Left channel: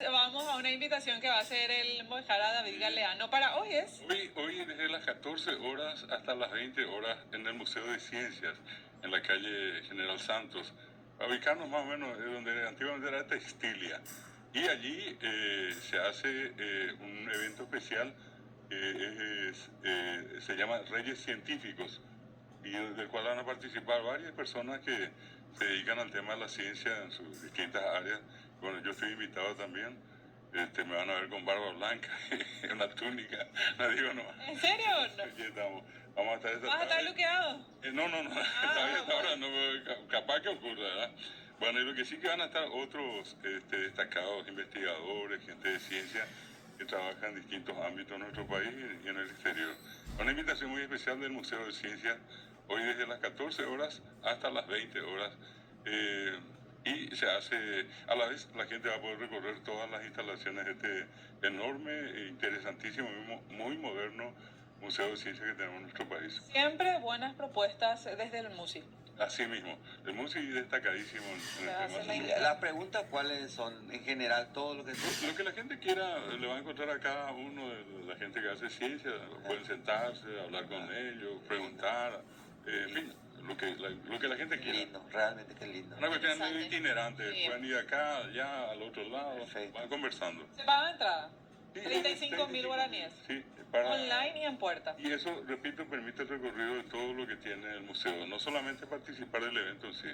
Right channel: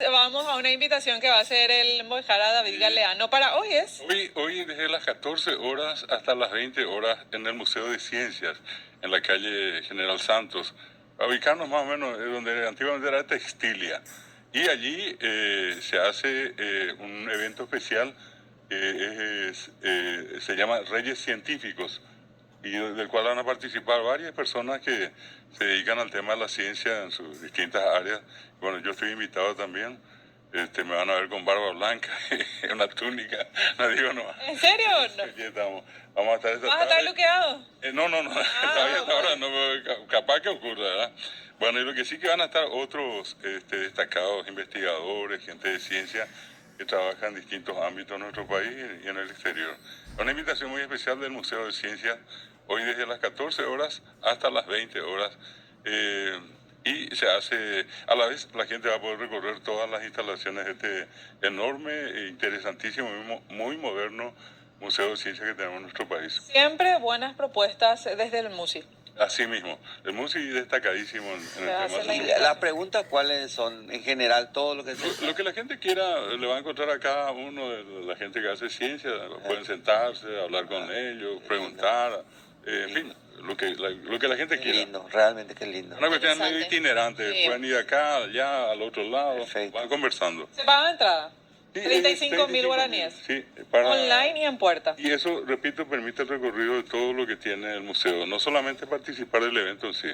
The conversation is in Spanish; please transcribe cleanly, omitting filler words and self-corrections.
Vamos a una invitación que va a hacer el Mojarra David Galeano para hoy es. Hoy desde las 14 horas hasta las 20 horas en el Museo de Ciencias, en la calle General Santos, a ubicarnos más o menos donde antiguamente era Textilia. Y allí se hace un evento especial que se llama Reyes Científicos, y del cual van a participar varias personas que se dedican al tema de la ciencia en sus distintas áreas. Bueno, yo estoy invitado también. Me van a ver con barba blanca, una túnica, no digo no. ¿En serio? Aquí estamos. Vamos a estar esta ¿Vas a estar tarde. luqueado? No, todavía hasta ahora no, capaz que ocurra, ¿verdad? Bueno, y lo que sí que van a estar otros destacados investigadores, gente de ciencia que trabaja en distintos ámbitos en nuestro país y en el exterior. Una invitación muy especial del Museo de Ciencias, hoy desde las 14 horas hasta las 20 horas. Y se hace, a la vez la gente va a poder recorrer todas las instalaciones de este enorme e interesantísimo, muy moderno Museo de Ciencias que tenemos en nuestro país. Siempre buenas propuestas desde el MUSI. Así mismo, el MUSI destacadísimo en el tema hace la social. idea. Las preguntas, ¿cuáles son? En general, todo lo que Lo que la gente quiera le va a encontrar a cada uno de la gente que hace ciencia. Pueden sentarse, hablar con ellos, preguntar, en fin, lo que la gente Qué quiera. lindo, realmente qué lindo. Una cuestión medio Interesante. itinerante, Sí. pueden ir acá, allá, al otro lado, Perfecto. van conversando. ¿Se paga entrada? Sí, 35.000 guaraníes. Sí, Online y en puerta. Y eso, repito, permite el recorrido de todo lo que tiene el museo, no solamente participar del evento en sí.